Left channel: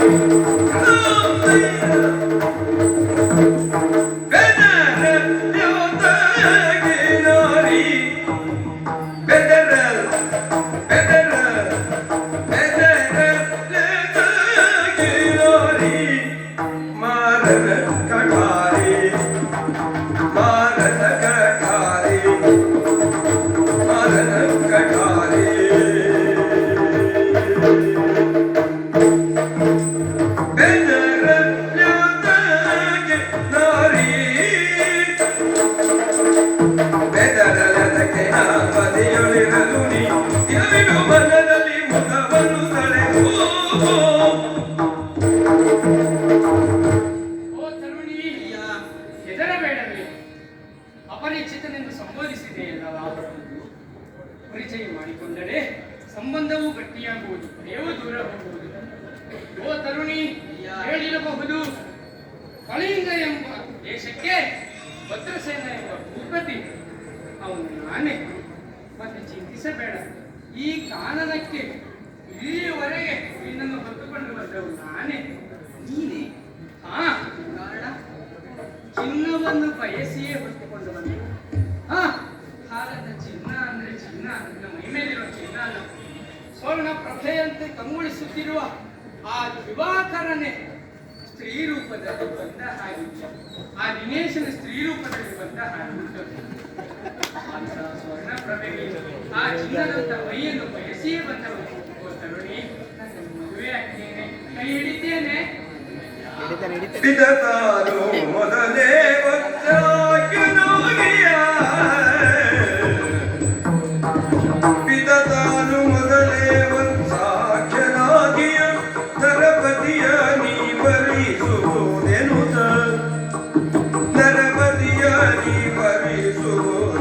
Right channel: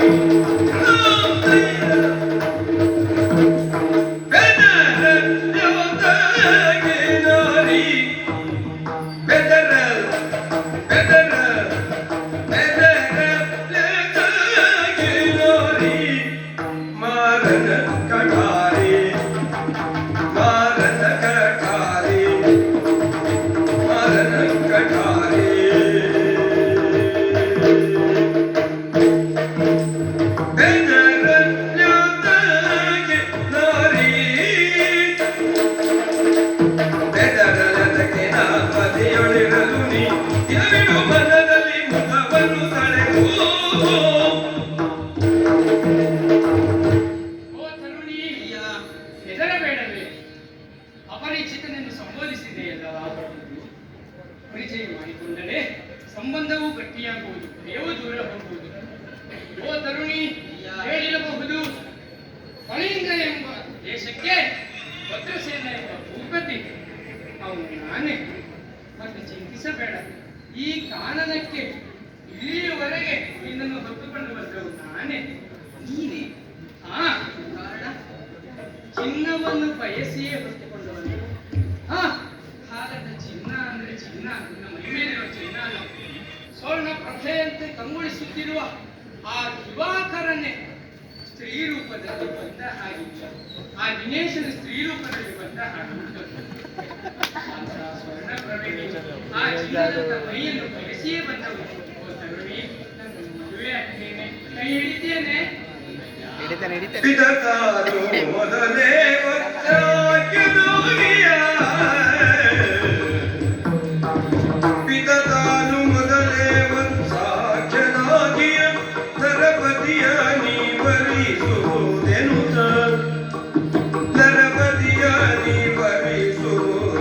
ಓ ಅಪರಿಚಿತನೆಂದು ಸಂಬೋಧಿಸಿದೆ ಲಾಭವನ್ನು ಪರಿಚಯ ಮಾಡಿಕೊಂಡರೆ ಸಂಬಂಧವು ಗಟ್ಟಿಯಾಗುವುದು ದೇವ ದೂರ ಹೋಗುವುದು. ಓ ತರುಣಿ, ಹೇಳಿರಬಹುದು, ಕಳಿಂಗ ಎಂಬ ದೇಶಕ್ಕೆ ಭದ್ರಸೇನ ಎಂಬ ಭೂಪತಿ, ಅವನು ನಾನೇ. ಮತ್ತೆ ಚಿಂತಿಸಬೇಡ. ಈ ಕಾನನಕ್ಕೆ ಇಲ್ಲಿಯವರೆಗೆ ನಿನ್ನನ್ನು ಹೊತ್ತುಕೊಂಡು ಬಂದವು ನಾನೇ. ನೀನೇ. ಹಾ ಕಾರಣ? ಚಿನ್ನವನ್ನು ಬಯಸಿಯೇ ಕಂಗೊಳಿಸುತ್ತಿರುವ ಆ ದಿವಾಕರನೇ ಸ್ತ್ರೀ ರೂಪದಲ್ಲಿ ಬಂದ ಹಾಗಿಲ್ಲ ಆ ದಿನೇಶನ ಸ್ತ್ರೀ ರೂಪದಲ್ಲಿ ಬಂದ ಹಾಗೆ ಸ್ವರ್ಣ ಪ್ರಭೆಗೆ ಆ ಚಿನ್ನದ ಮೈಯನ್ನು ಬಯಸಿಯೇ ಬಂದವರು ತರುಣಿ ಮದುವೆ ಆಗ್ತೇನೆ ಹಿಡಿತಾನೆ ಹಿಡಿತಾನೆ.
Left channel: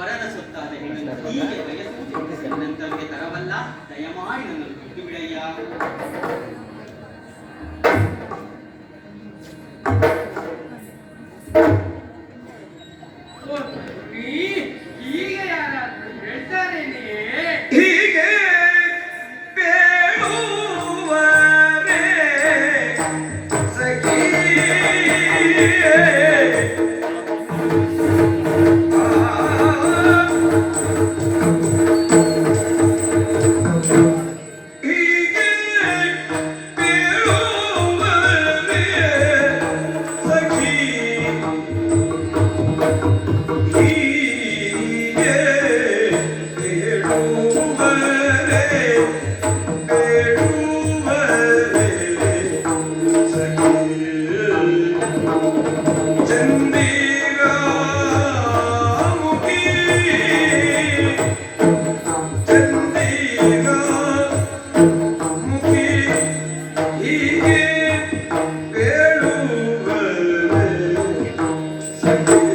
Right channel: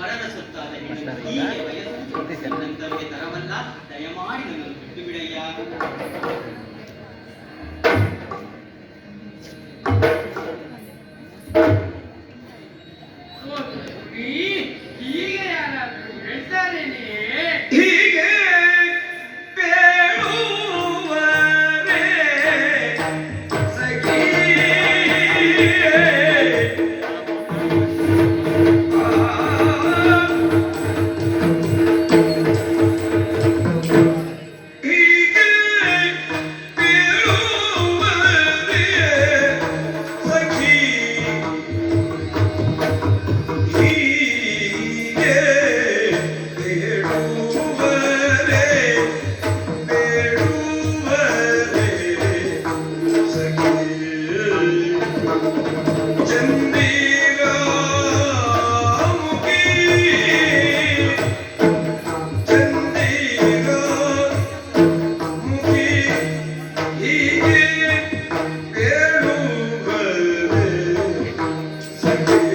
ವರನ ಸುತ್ತಾದ ಹೆಣ್ಣು ಹೀಗೆ ವಯಸ್ಸು ತರವಲ್ಲ. ದಯಮಾಡಿ ಹೀಗೆ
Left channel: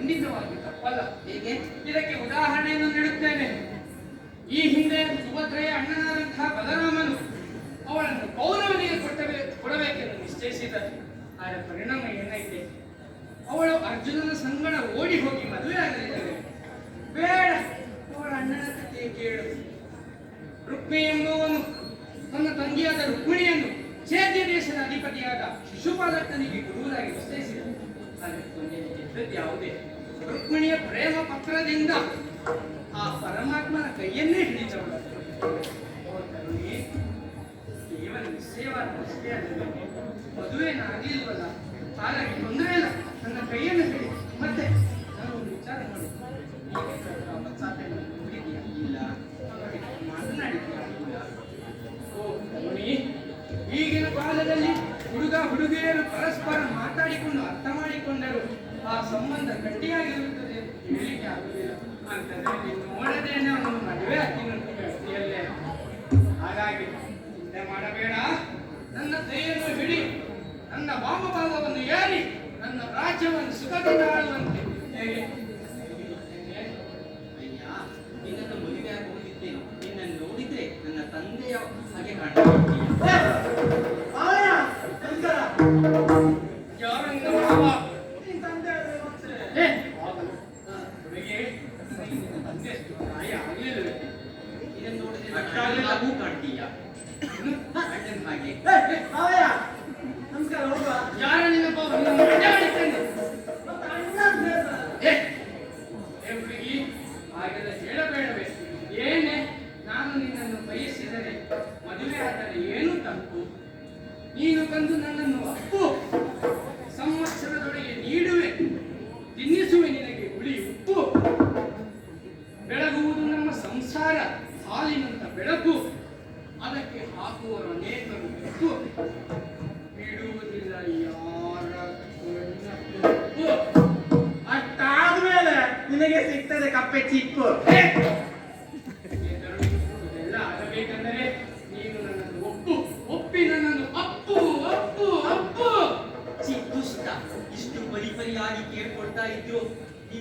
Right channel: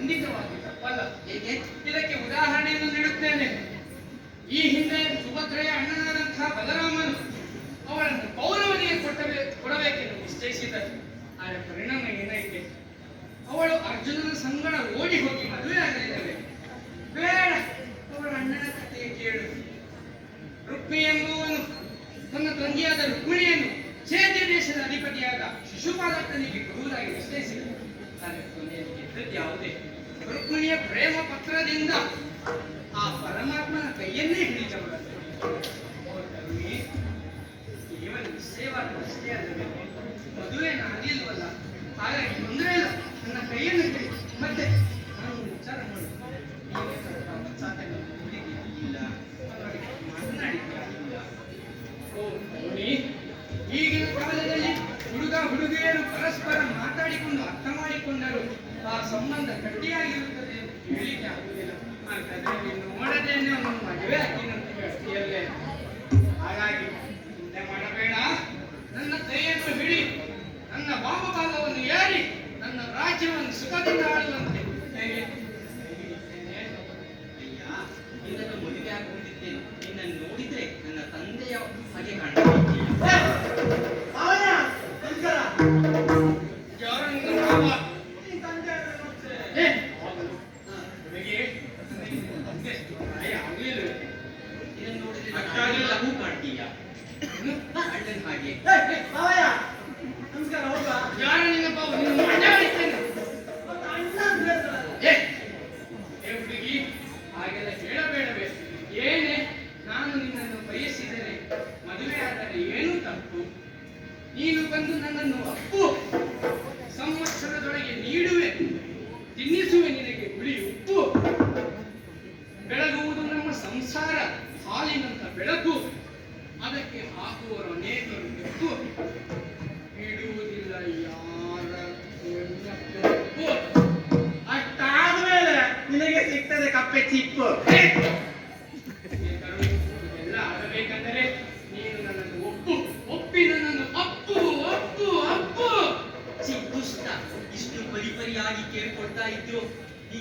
ತಪ್ಪಲ್ಲ. ಏಕೆ? ಇದಕ್ಕೆ ಉದಾಹರಣೆಯನ್ನು ನೀಡುತ್ತೇನೆ. ಈ ಹಿಂದೆ ಸುಭದ್ರೆಯ ಅಣ್ಣನಾದಂತಹ ಬಲರಾಮನು ಅವಳನ್ನು ಪೌರವನಿಗೆ ಕೊಟ್ಟಬೇಕು ಕೊಡಬೇಕೆಂದು ನಿಶ್ಚಯಿಸಿದರು ಆದರೆ ಪರಿಣಾಮ ಏನಾಯಿತೆ ಅವಳು ಅರ್ಜುನನ ಸಂಗಡ ಓಡಿ ಹೋಗಿ ಮದುವೆ ಆಗಲಿಲ್ಲವೇ? ಬೇಡ, ಅವಳ ಅಣ್ಣನ ಕಥೆಯ ಕೇಳು. ರುಕ್ಮಿ ಎಂಬುವನು ತನ್ನ ತಂಗಿಯಾದ ರುಕ್ಮಿಣಿಯನ್ನು ಚೇತ್ಯ ದೇಶದ ಅಧಿಪತಿಯಾದ ಶಿಶುಪಾಲಕನಿಗೆ ಗುರುವಾಗಿ ನಿಶ್ಚಯಿಸಿದರು ಆದರೆ ಕೊನೆಯಲ್ಲಿ ಗೆದ್ದದ್ದು ಯಾವುದೇ ರುಕ್ಮಿಣಿಯ ಪ್ರೇಮ ಪತ್ರದಿಂದ ಆ ಪರಮಾತ್ಮನ ಕೈಯನ್ನೇ ಹಿಡಿದವಳು. ಕೇವಲ ಅಷ್ಟೇ ಅಲ್ಲವೇ ಮದುವೆನಾಗಲಿಲ್ವಲ್ಲ? ಹಾಗಾಗಿ ತೊಂದರೆ ಇಲ್ಲ. ನನ್ನ ಕೈಯನ್ನು ಹಿಡಿ. ಮತ್ತೆ ನಾನು ಒಂದು ವಿಚಾರ ಹಾಗಾಗಿ ಮಾತನಾಡಿದ್ಯಾ? ಇಲ್ಲ. ಓ ಕರುಣಿ, ಈಗಿನ ಕಾಲದಲ್ಲಿ ಹುಡುಗ ಹುಡುಗಿಯರು ಪರಸ್ಪರ ಮಾತಾಡಿಕೊಂಡು ಅರ್ಥ ಆ ಸಂಬಂಧ ಗಟ್ಟಿಯಾಗಿರುತ್ತದೆ ಹೇಳಿಕೆ ಆಗುವುದಿಲ್ಲ. ನೀನು ನೋಡದೇನೆ ಅವನು ಮದುವೆ ಹಾಕಿನಂತ ಇದನ್ನು ಲಘು ಕಾಣ್ತೀಯ? ಅಣ್ಣನ ಹಾಗೆ ಹುಡುಗಿ, ಹಾಗೆಲ್ಲ ಹೇಳಬೇಡವೇ. ಏನೇ ನಾನು ನಿನ್ನನ್ನು ಬಯಸಿದರೆ ಮದುವೆ ಆದರೆ ಏನು ತಪ್ಪು. ನೀನು ಬಂದು ನನ್ನನ್ನು ಅಪ್ಪು. ಸಂವತ್ಸರದೊಳಗೆ ನೀಡುವೆ.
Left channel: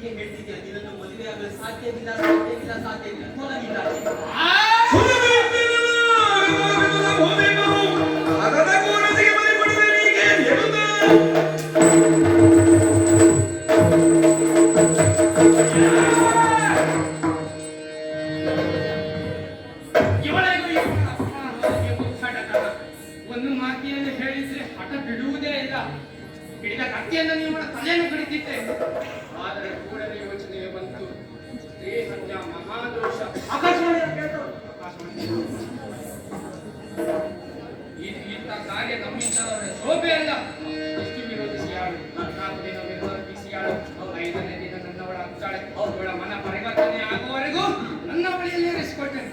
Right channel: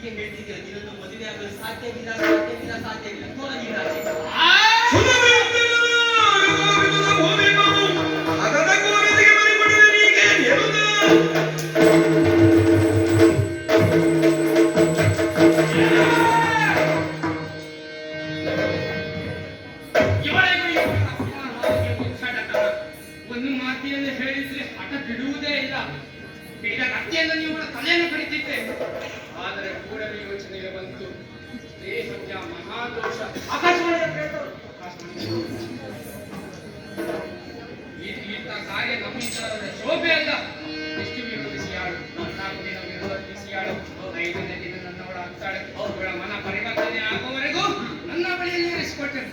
ಹೀಗೆ ಹೇಳ್ತಿದ್ಯಾ ನಿನ್ನನ್ನು ಮದುವೆ ಆಗಲು ಸಾಧ್ಯವಿಲ್ಲ ಸಾಧ್ಯವಿಲ್ಲ ಸಾಧ್ಯವಿಲ್ಲ. ಒಂದು ಹೇಳಿದ್ರೆ ಹಠ ಬಿಡುವುದೇ ಇಲ್ಲ. ಹಿಡಿದ ಕತ್ತಿಯನ್ನು ನೀವು ತಲೆಯನ್ನು ಕಡಿತಿದ್ದೆ. ಆದರೆ ಕೂಡಲೇ ಯೋಚನೆಗೆ ಬಂತು. ಸ್ತ್ರೀ ಸತ್ಯ ಮಹಾದೋಷ. ಇಂಥ ಕಾರ್ಯ ನಮ್ಮಿಂದಲೇ ಶೋಭೆ ಅಲ್ಲ. ಎಷ್ಟು ವಿರೋಧಿಸಿಯಾಳು ಹದಿನಾಲ್ಕು ದಿನ ವಿರೋಧಿಸಿಯಾಳು ಐದನೇ ದಿನ ನನ್ನವಳ ಹತ್ತಾಳೆ. ಅವರ ಮನ ಪರಿವರ್ತನೆ ಆಗುವವರೆಗೂ ನನ್ನ ಬಳಿ ಇರಿಸಿಕೊಟ್ಟೆ.